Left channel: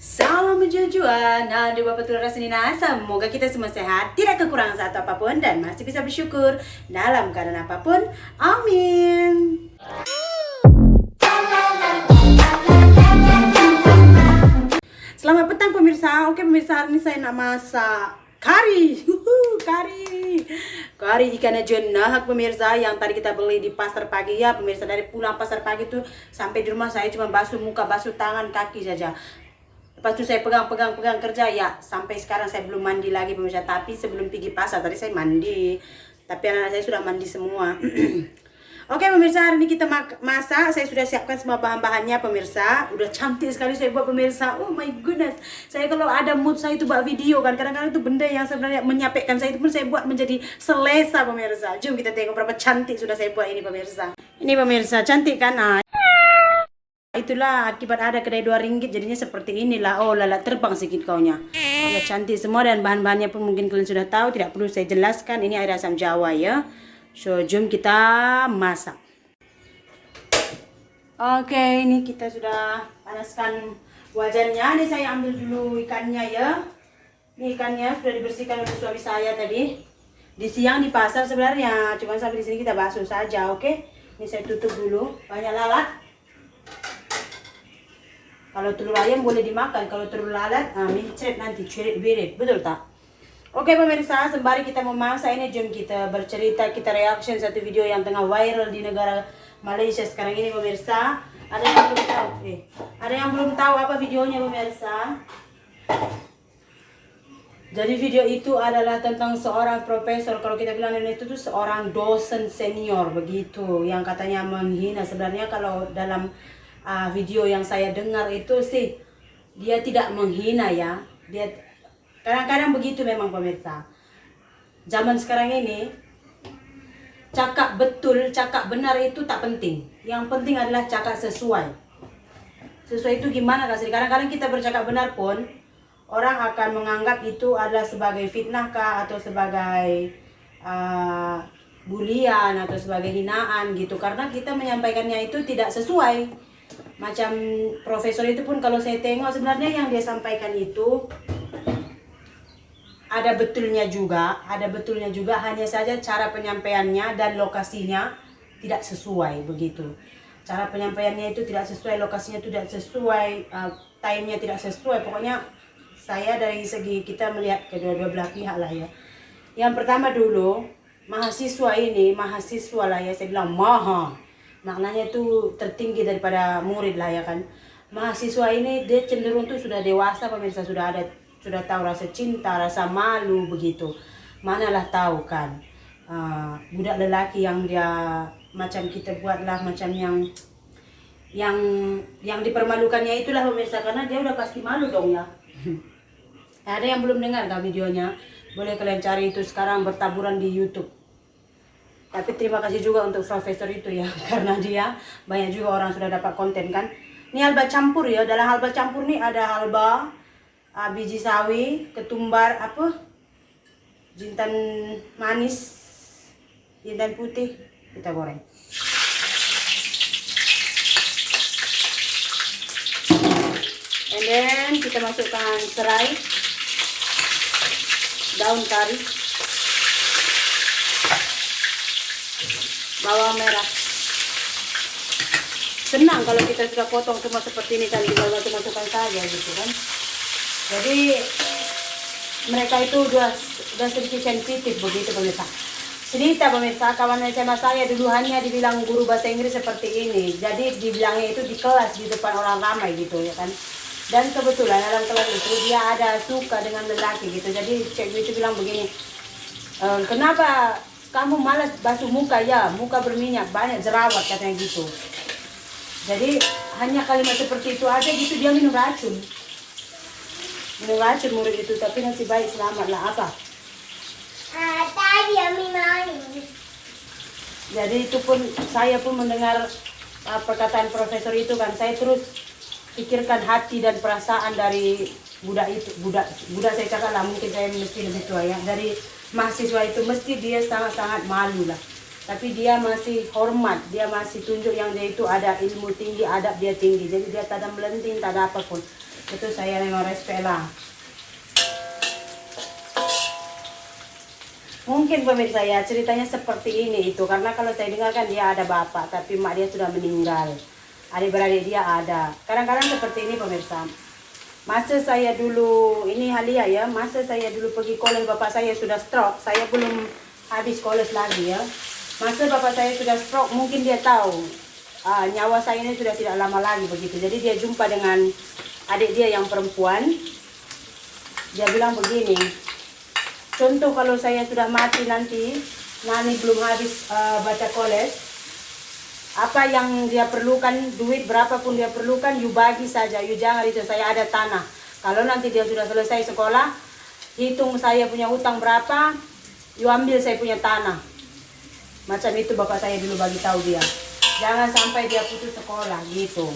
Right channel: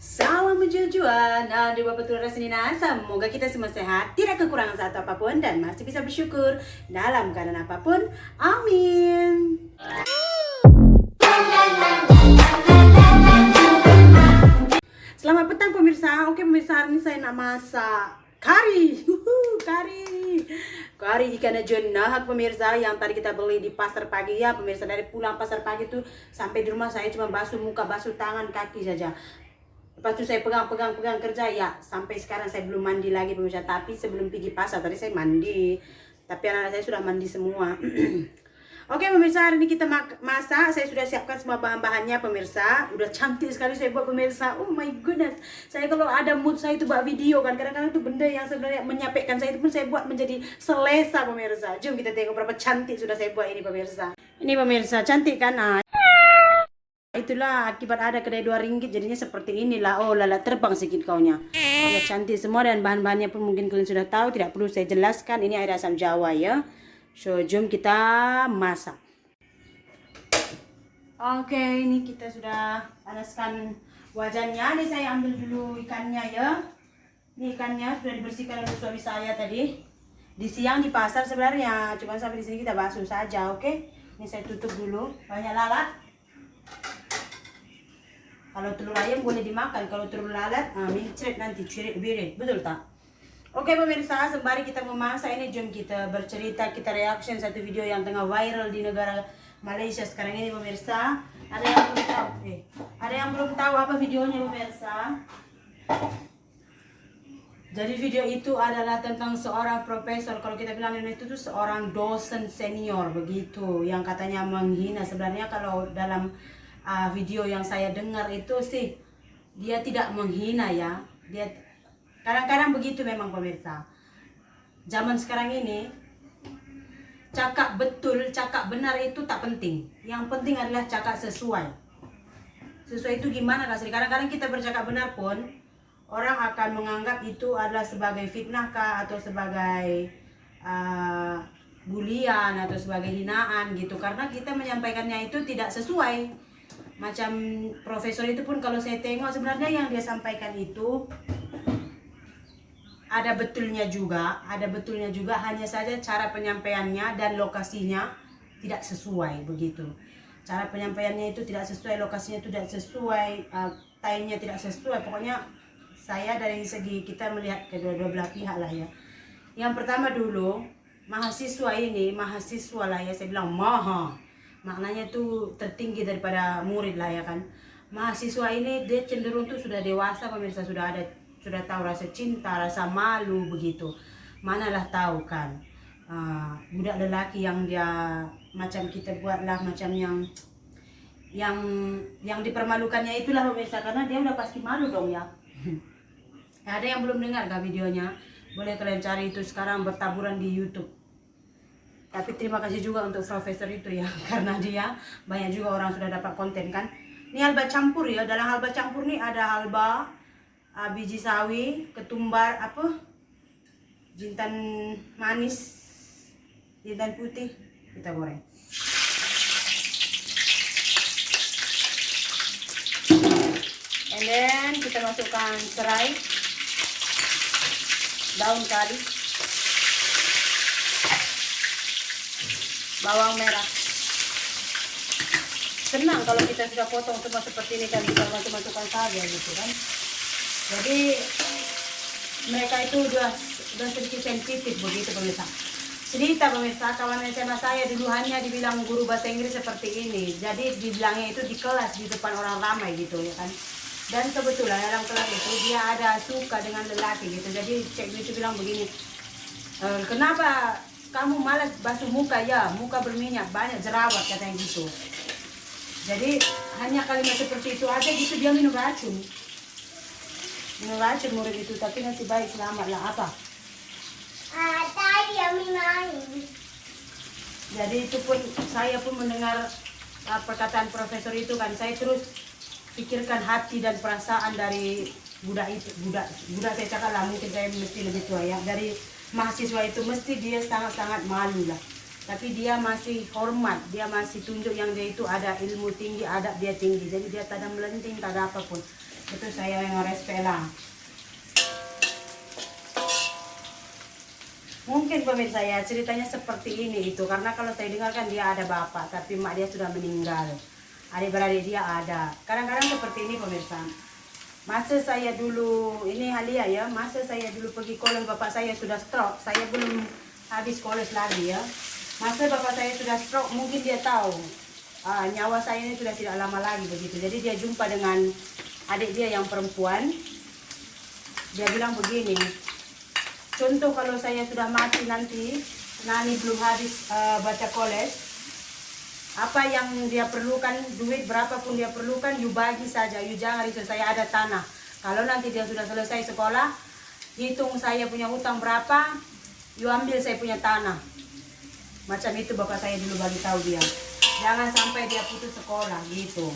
Salam menjujuan, di Bapak Tulus Rasinina. Semoga kita semua sehat, tidak kekurangan satu apapun, dan masih bisa bersyukur dalam keadaan apapun. Amin. Selamat petang pemirsa. Oke pemirsa, hari ini saya nak masak kari. Kari ikan jenahak pemirsa, yang tadi kita beli di pasar pagi ya pemirsa. Dari pulang pasar pagi tuh sampai di rumah saya cuma basuh muka, basuh tangan, kaki saja. Lepas itu saya pegang kerja ya. Sampai sekarang saya belum mandi lagi pemirsa. Tapi sebelum pergi pasar tadi saya mandi. Tapi anak-anak saya sudah mandi semua. Oke pemirsa, hari ini kita masak. Saya sudah siapkan semua bahan-bahannya pemirsa. Udah cantik sekali saya buat pemirsa. Oh my goodness. Saya kalau ada mood saya itu buat video kan. Kadang-kadang itu benda yang sebenarnya menyapekkan saya itu pun saya buat menjadi selesa pemirsa. Jom kita tengok berapa cantik sudah saya buat ini pemirsa. Ini pemirsa, cantik kan? Itulah akibat ada kedai RM2 jadinya seperti inilah. Oh lala, terbang sedikit kaunya. Ya, cantik semua, dan bahan-bahannya pun mungkin kalian sudah tahu, tidak perlu saya jelaskan. Ini air asam jawa ya. So jom kita masak. Oke, ini kita sudah panaskan wajannya. Ini saya ambil dulu ikannya ya. Ini ikannya sudah dibersihkan oleh suami saya tadi. Di siang di pasar sebenarnya, cuma sampai di sini kita basuh saja. Oke, ini saya tutup dulu. Banyak lalat. Kalau telur ayam boleh dimakan, kalau telur lalat, mincret nanti, cirit birit, betul tak? Oke pemirsa, sembari kita memasak ini, jom kita bercerita, kita reaction satu video yang tengah viral di negara Malaysia sekarang ini pemirsa. Ada yang belum tahu apa videonya pemirsa? Jadi video itu adalah tentang seorang profesor, kalau kita bilang itu tuh seorang dosen senior begitu, yang katanya menghina. Sebenarnya kalau dalam video yang saya dengar itu sih dia tidak menghina ya. Dia kadang-kadang begitu memang pemirsa. Zaman sekarang ini cakap betul, cakap benar itu tak penting. Yang penting adalah cakap sesuai. Sesuai itu gimana kasih? Kadang-kadang kita bercakap benar pun orang akan menganggap itu adalah sebagai fitnah kah, atau sebagai bulian, atau sebagai hinaan gitu, karena kita menyampaikannya itu tidak sesuai. Macam profesor itu pun kalau saya tengok sebenarnya yang dia sampaikan itu ada betulnya juga, hanya saja cara penyampaiannya dan lokasinya tidak sesuai begitu. Cara penyampaiannya itu tidak sesuai, lokasinya tidak sesuai, time-nya tidak sesuai. Pokoknya saya dari segi kita melihat kedua-dua belah pihak lah ya. Yang pertama dulu, mahasiswa lah ya, saya bilang maknanya itu tertinggi daripada murid lah ya kan. Mahasiswa ini dia cenderung tuh sudah dewasa pemirsa, sudah tahu rasa cinta, rasa malu begitu. Manalah tahu kan budak lelaki yang dia macam kita buatlah macam yang dipermalukannya itulah pemirsa, karena dia udah pasti malu dong ya. Ada yang belum dengar kan videonya? Boleh kalian cari itu sekarang bertaburan di YouTube. Tapi terima kasih juga untuk profesor itu ya, karena dia banyak juga orang sudah dapat konten kan. Ini halba campur ya. Dalam halba campur nih ada halba, biji sawi, ketumbar jintan manis, jintan putih, kita goreng. And then kita masukkan serai, daun kari, bawang merah. Senang kalau kita sudah potong semua seperti ini kan, kita masukkan saja gitu kan. Jadi mereka itu udah sedikit sensitif begitu pemirsa. Cerita pemirsa, kawan SMA saya dulu hanya dibilang guru bahasa Inggris seperti ini. Jadi dibilangnya itu di kelas di depan orang ramai gitu ya kan. Dan kebetulan dalam kelas itu dia ada suka dengan lelaki gitu. Jadi cikgu itu bilang begini, kenapa kamu malas basuh muka ya, muka berminyak, banyak jerawat katanya gitu. Jadi hanya kalimat seperti itu aja gitu, dia minum racun murid itu, tapi masih baik, selamat lah apa. Tadi Ami main. Jadi itu pun saya pun mendengar perkataan profesor itu kan, saya terus pikirkan hati dan perasaan dari budak saya cakap lah, mungkin saya mesti lebih tua ya, dari mahasiswa itu mesti dia sangat-sangat malu lah. Tapi dia masih hormat, dia masih tunjuk yang dia itu ada ilmu tinggi, adab dia tinggi. Jadi dia tak ada melenting, tak ada apapun. Itu saya memang respect lah. Mungkin pemirsa ya ceritanya seperti ini itu karena kalau saya dengar kan dia ada bapak tapi mak dia sudah meninggal. Adik-beradik dia ada. Kadang-kadang seperti ini pemirsa. Masa saya dulu ini Halia ya, masa saya dulu pergi kolej bapak saya sudah stroke. Saya belum habis kolej lagi ya. Masa bapak saya sudah stroke mungkin dia tahu nyawa saya ini sudah tidak lama lagi begitu. Jadi dia jumpa dengan adik dia yang perempuan. Dia bilang begini, contoh kalau saya sudah mati nanti, Nani belum habis baca kolej, apa yang dia perlukan, duit berapapun dia perlukan, you bagi saja, you jangan itu, saya ada tanah. Kalau nanti dia sudah selesai sekolah, hitung saya punya hutang berapa, you ambil saya punya tanah. Macam itu bapak saya dulu bagi tahu dia. Jangan sampai dia putus sekolah gitu.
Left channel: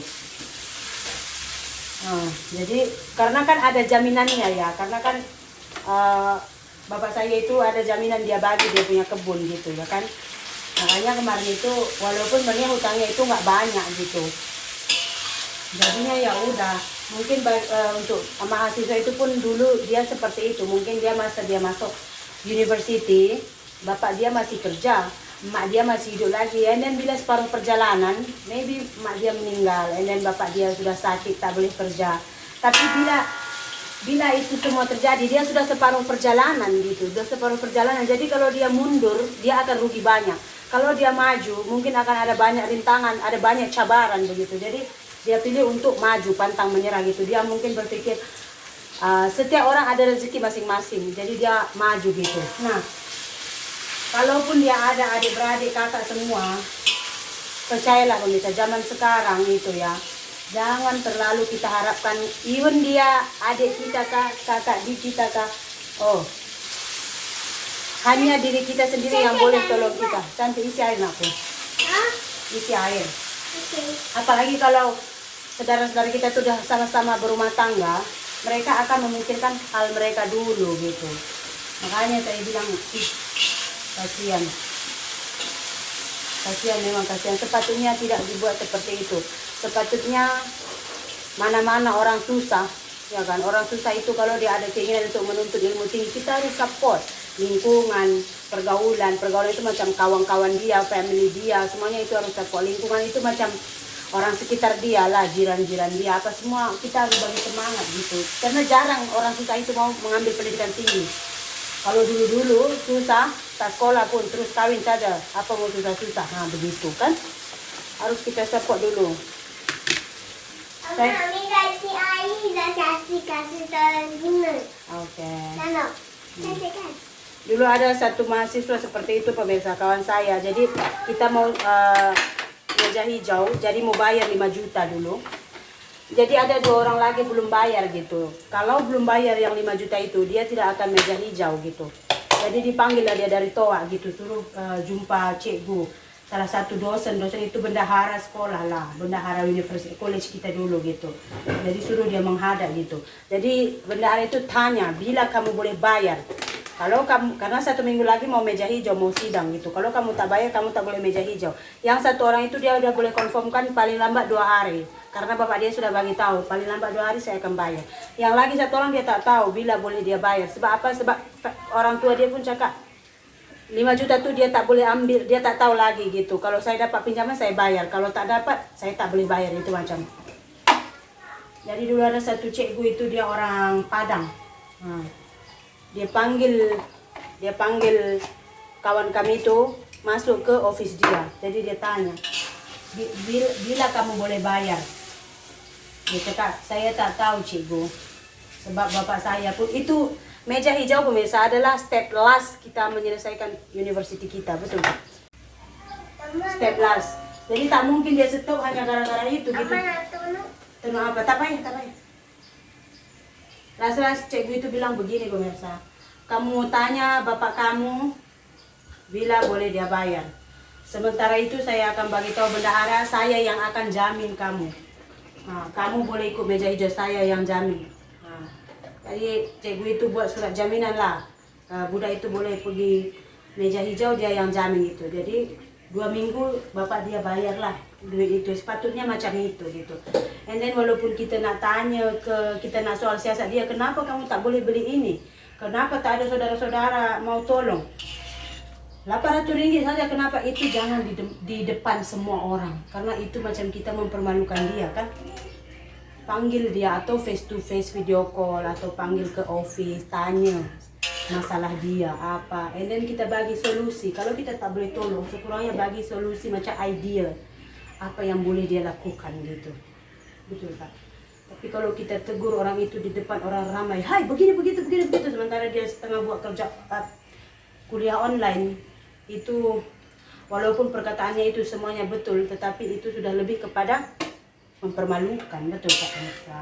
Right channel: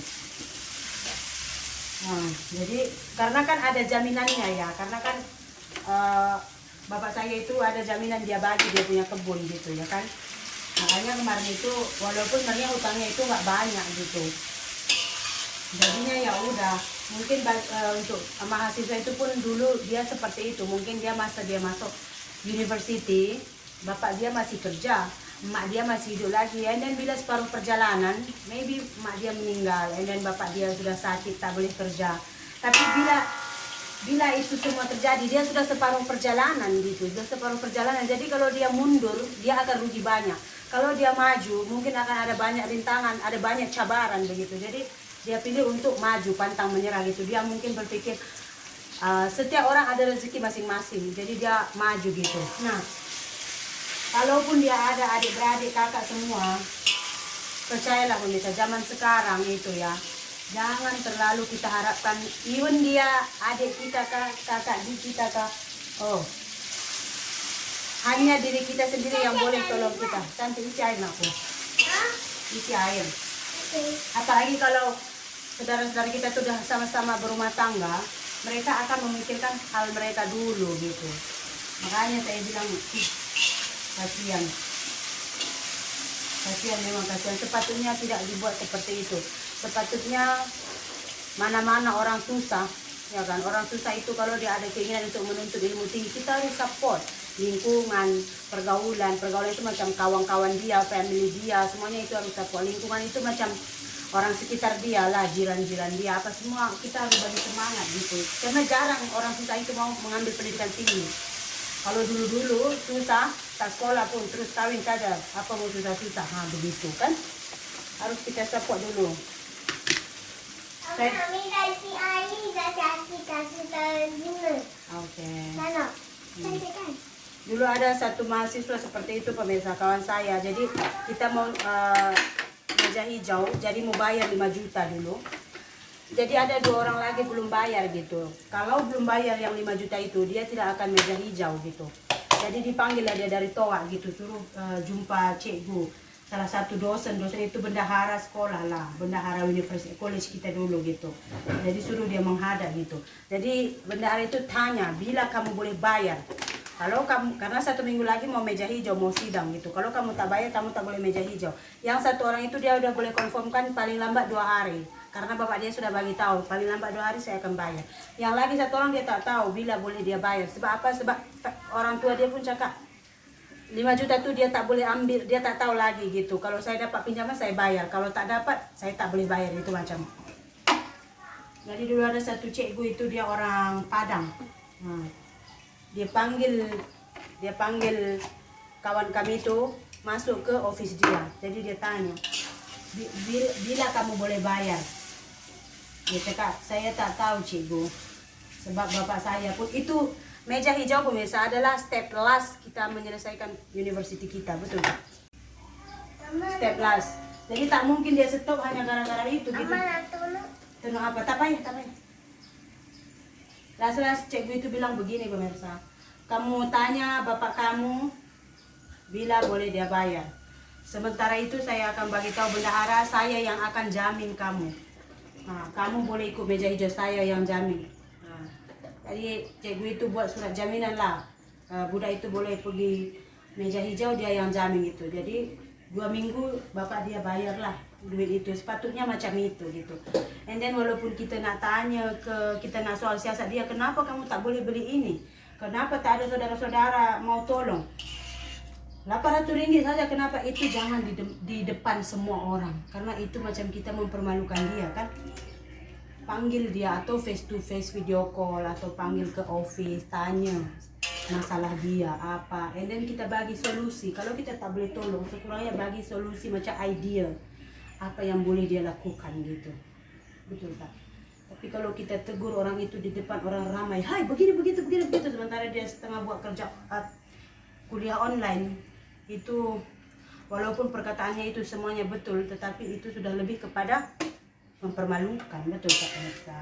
Jadi karena kan ada jaminannya ya, karena kan bapak saya itu ada jaminan dia bagi dia punya kebun gitu ya kan. Makanya kemarin itu walaupun sebenarnya hutangnya itu nggak banyak gitu. Jadinya ya udah, mungkin untuk mahasiswa itu pun dulu dia seperti itu. Mungkin dia masuk university, bapak dia masih kerja, emak dia masih hidup lagi. And then bila separuh perjalanan, maybe emak dia meninggal, and then bapak dia sudah sakit tak boleh kerja. Tapi bila itu semua terjadi, dia sudah separuh perjalanan gitu, sudah separuh perjalanan. Jadi kalau dia mundur, dia akan rugi banyak. Kalau dia maju, mungkin akan ada banyak rintangan, ada banyak cabaran begitu. Jadi dia pilih untuk maju, pantang menyerah gitu. Dia mungkin berpikir setiap orang ada rezeki masing-masing, jadi dia maju gitu. Nah, kalaupun dia ada adik-beradik, kakak semua, percayalah pemirsa, zaman sekarang itu ya, jangan terlalu kita harapkan, even dia adik kita kah, kakak di kita kah, hanya diri kita sendiri yang boleh tolong kita. Cantik, isi air aku. Isi air. Apalagi kalau saudara-saudara kita sudah sama-sama berumah tangga, mereka akan memikirkan hal mereka dulu gitu. Makanya saya bilang, kasihan. Kasihan, memang kasihan. Sepatutnya tidak dibuat seperti itu. Sepatutnya mana-mana orang susah, ya kan? Orang susah itu kalau dia ada keinginan untuk menuntut ilmu tinggi, kita harus support. Lingkungan, pergaulan itu macam kawan-kawan dia, family dia, semuanya itu harus support. Lingkungan itu macam orang sekitar dia lah, jiran-jiran dia, apa semua kita harus bagi semangat gitu. Karena jarang orang susah itu mau mengambil pendidikan tinggi. Kalau dulu-dulu susah, tak sekolah pun terus kawin saja, apa mau susah-susah, nah begitu kan. Harus kita support dulu. Mami kasih air, kasih telur. Oke. Lalu, kasihkan. Dulu ada satu mahasiswa seperti itu pemirsa, kawan saya. Jadi kita mau meja hijau, jadi mau bayar 5 juta dulu. Jadi ada 2 orang lagi belum bayar gitu. Kalau belum bayar yang 5 juta itu, dia tidak akan meja hijau gitu. Jadi dipanggil lah dia dari TOA gitu, suruh jumpa cikgu. Salah satu dosen itu bendahara sekolah lah, bendahara universitas college kita dulu gitu. Jadi suruh dia menghadap gitu. Jadi bendahara itu tanya, bila kamu boleh bayar. Kalau kamu, karena 1 minggu lagi mau meja hijau, mau sidang gitu. Kalau kamu tak bayar, kamu tak boleh meja hijau. Yang satu orang itu dia udah boleh konfirmkan paling lambat 2 hari. Karena bapak dia sudah bagi tahu, paling lambat 2 hari saya akan bayar. Yang lagi satu orang dia tak tahu bila boleh dia bayar. Sebab apa? Sebab orang tua dia pun cakap, 5 juta tuh dia tak boleh ambil, dia tak tahu lagi gitu. Kalau saya dapat pinjaman saya bayar, kalau tak dapat saya tak boleh bayar, itu macam. Jadi dulu ada satu cikgu itu dia orang Padang. Dia panggil kawan kami itu masuk ke office dia. Jadi dia tanya, bila kamu boleh bayar? Dia cakap, saya tak tahu cikgu. Sebab bapak saya pun itu meja hijau pemirsa adalah step last kita menyelesaikan university kita, betul? Step last. Jadi tak mungkin dia stop hanya gara-gara itu gitu. Tentu apa? Tak payah. Las-las cikgu itu bilang begini pemirsa, kamu tanya bapak kamu bila boleh dia bayar. Sementara itu saya akan bagi tahu bendahara, saya yang akan jamin kamu. Kamu boleh ikut meja hijau, saya yang jamin. Jadi cikgu itu buat surat jaminan lah. Budak itu boleh pergi meja hijau, dia yang jamin itu. Jadi 2 minggu bapak dia bayar lah duit itu, sepatutnya macam itu gitu. And then walaupun kita nak tanya kita nak soal siasat dia, kenapa kamu tak boleh beli ini, kenapa tak ada saudara-saudara mau tolong, RM800 saja, kenapa itu jangan di depan semua orang, karena itu macam kita mempermalukan dia kan. Panggil dia atau face to face video call atau panggil ke office, tanya masalah dia apa, and then kita bagi solusi. Kalau kita tak boleh tolong, sekurangnya bagi solusi macam idea apa yang boleh dia lakukan gitu, betul tak? Tapi kalau kita tegur orang itu di depan orang ramai, hai begini begitu, sementara dia setengah buat kerja kuliah online, itu walaupun perkataannya itu semuanya betul, tetapi itu sudah lebih kepada mempermalukan, betul tak pemirsa?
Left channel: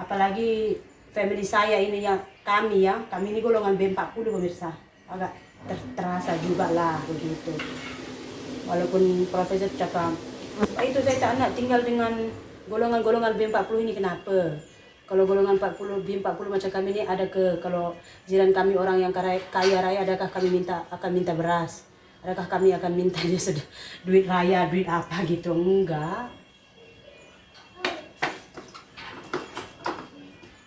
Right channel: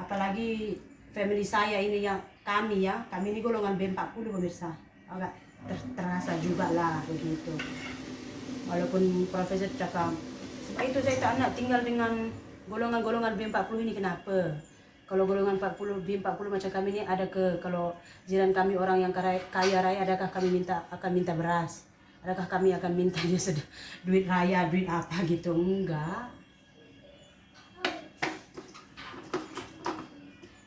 Apalagi family saya ini yang kami ini golongan B40 pemirsa, agak terasa juga lah begitu. Walaupun profesor cakap itu saya tak nak tinggal dengan golongan-golongan B40 ini, kenapa? Kalau golongan 40 B40 macam kami ini ada kalau jiran kami orang yang kaya raya, adakah kami akan minta beras? Adakah kami akan minta dia duit raya, duit apa gitu? Enggak.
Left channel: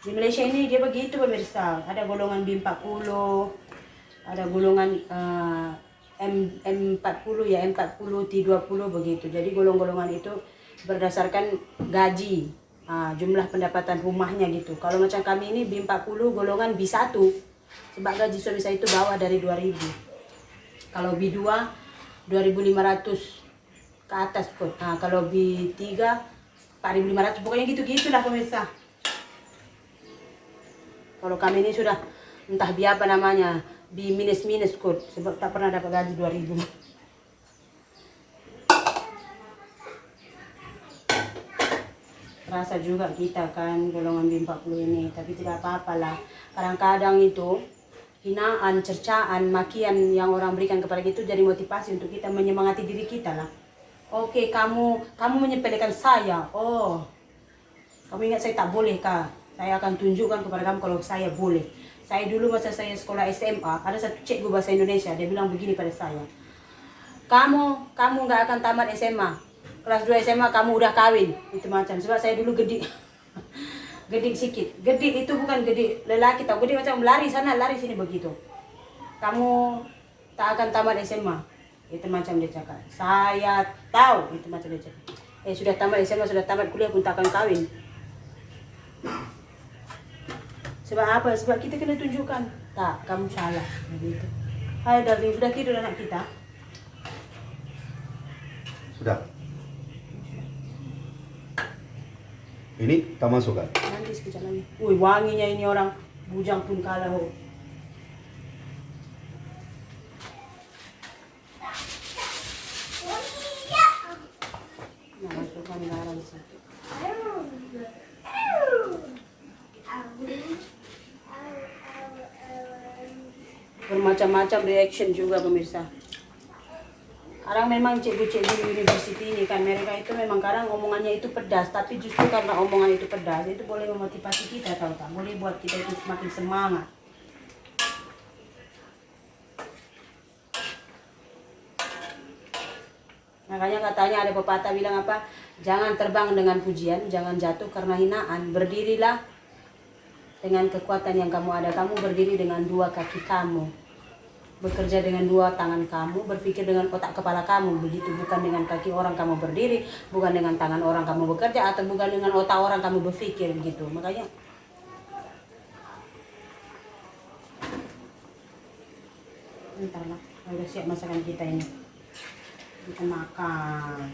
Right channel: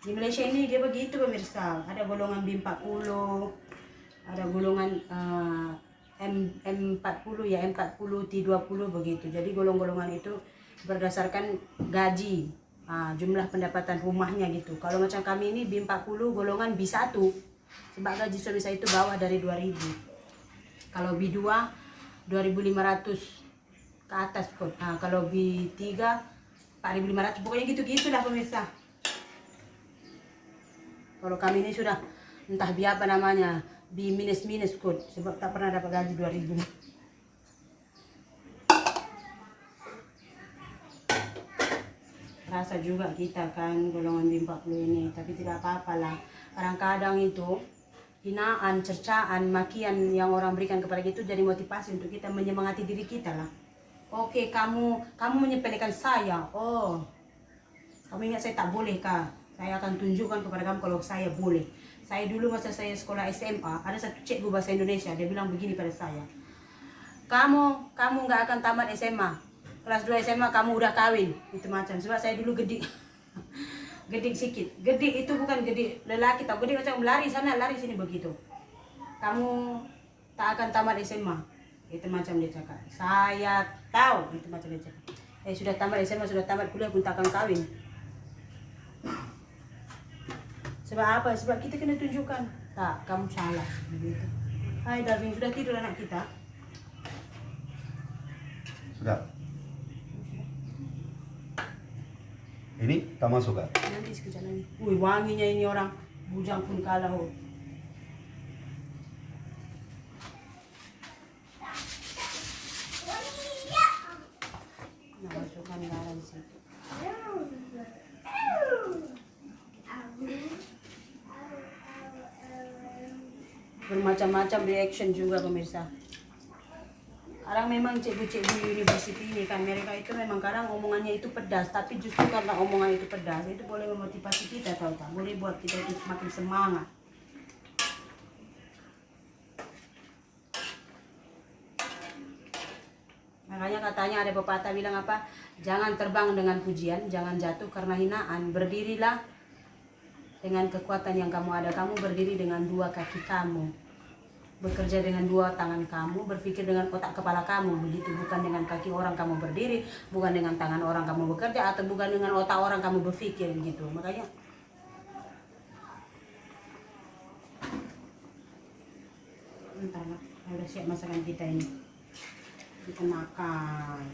Di Malaysia ini dia begitu pemirsa, ada golongan B40, ada golongan M40 ya, M40, T20 begitu. Jadi golongan-golongan itu berdasarkan gaji, jumlah pendapatan rumahnya gitu. Kalau macam kami ini B40 golongan B1, sebab gaji suami saya itu bawah dari 2.000. Kalau B2 2.500 ke atas kok. Kalau B3 4.500, pokoknya gitu-gitulah pemirsa. Kalau kami ini sudah entah biapa namanya, B minus kod, sebab tak pernah dapat gaji 2.000. Rasa juga kita kan golongan B40 ini, tapi tidak apa-apalah. Kadang-kadang itu hinaan, cercaan, makian yang orang berikan kepada kita itu jadi motivasi untuk kita menyemangati diri kita lah. Oke, kamu menyepelekan saya. Oh, kamu ingat saya tak boleh kah? Saya akan tunjukkan kepada kamu kalau saya boleh. Saya dulu masa saya sekolah SMA, ada satu cikgu bahasa Indonesia, dia bilang begini pada saya. Kamu nggak akan tamat SMA. Kelas 2 SMA kamu udah kawin. Itu macam, sebab saya dulu gedik. Gedik sikit. Gedik itu bukan gedik lelaki tau. Gedik macam lari sana, lari sini begitu. Kamu tak akan tamat SMA. Itu macam dia cakap. Saya tahu, itu macam dia cakap. Sudah tamat SMA, sudah tamat kuliah pun tak akan kawin. Sebab apa? Sebab kita kena tunjukkan. Tak, kamu salah. Begitu. Hai darling, sudah tidur anak kita? Sudah. Ini tak masuk kan? Nanti sekejap lagi. Wih, wanginya ini orang. Bujang pun kalah. Oh. Nah, masukkan garam situ. Bermacam-macam reaction juga pemirsa. Kadang memang cikgu-cikgu university ini kan, mereka itu memang kadang omongannya itu pedas, tapi justru karena omongan itu pedas, itu boleh memotivasi kita, tahu tak? Boleh buat kita itu semakin semangat. Makanya katanya ada pepatah bilang apa? Jangan terbang dengan pujian, jangan jatuh karena hinaan. Berdirilah dengan kekuatan yang kamu ada. Kamu berdiri dengan 2 kaki kamu, bekerja dengan 2 tangan kamu, berpikir dengan otak kepala kamu. Begitu, bukan dengan kaki orang kamu berdiri, bukan dengan tangan orang kamu bekerja, atau bukan dengan otak orang kamu berpikir gitu. Makanya bentar lah, udah siap masakan kita ini. Kita makan.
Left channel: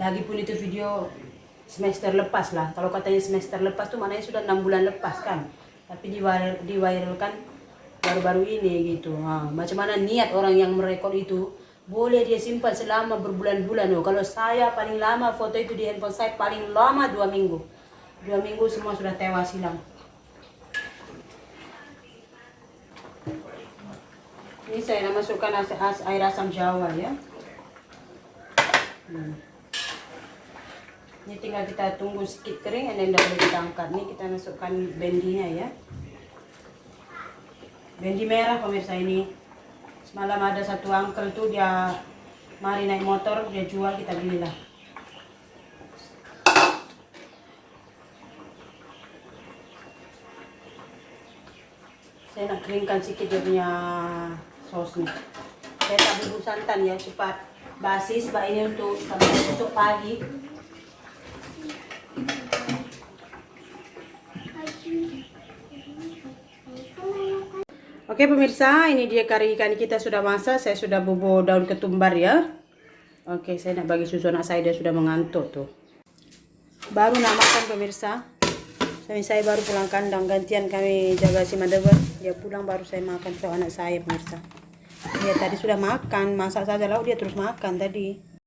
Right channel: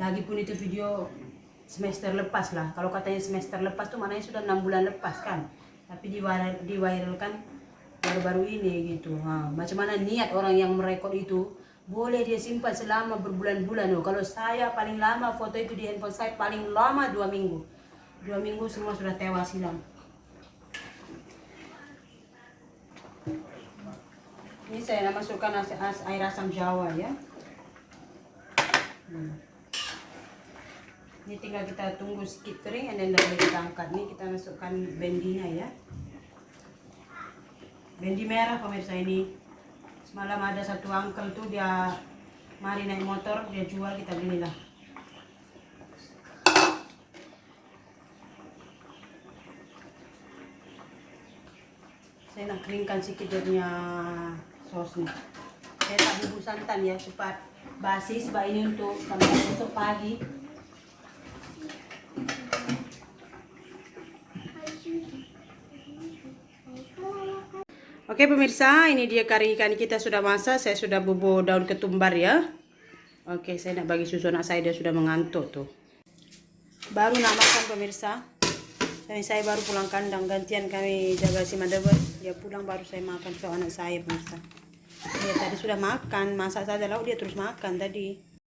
Lagipun itu video semester lepas lah. Kalau katanya semester lepas tuh maknanya sudah 6 bulan lepas kan. Tapi diwairalkan baru-baru ini gitu. Macam mana niat orang yang merekod itu, boleh dia simpan selama berbulan-bulan. Kalau saya paling lama foto itu di handphone saya paling lama 2 minggu. 2 minggu semua sudah tewas hilang. Ini saya masukkan air asam jawa ya. Ini tinggal kita tunggu sedikit kering, dan dah boleh kita angkat. Ini kita masukkan bendinya ya. Bendi merah pemirsa ini. Semalam ada satu uncle tuh dia mari naik motor, dia jual, kita belilah. Saya nak keringkan sedikit dia punya sosnya. Saya tak bubuk santan ya, cepat basi sebab ini untuk sampai besok pagi. Oke pemirsa, ini dia kari ikan kita sudah masak. Saya sudah bubur daun ketumbar ya. Oke, saya nak bagi susu anak saya, dia sudah mengantuk tuh. Baru nak makan pemirsa. Saya baru pulang kandang, gantian kami jaga si Madabar. Dia pulang baru saya makan sama anak saya pemirsa. Dia tadi sudah makan, masak saja lauk dia terus makan tadi.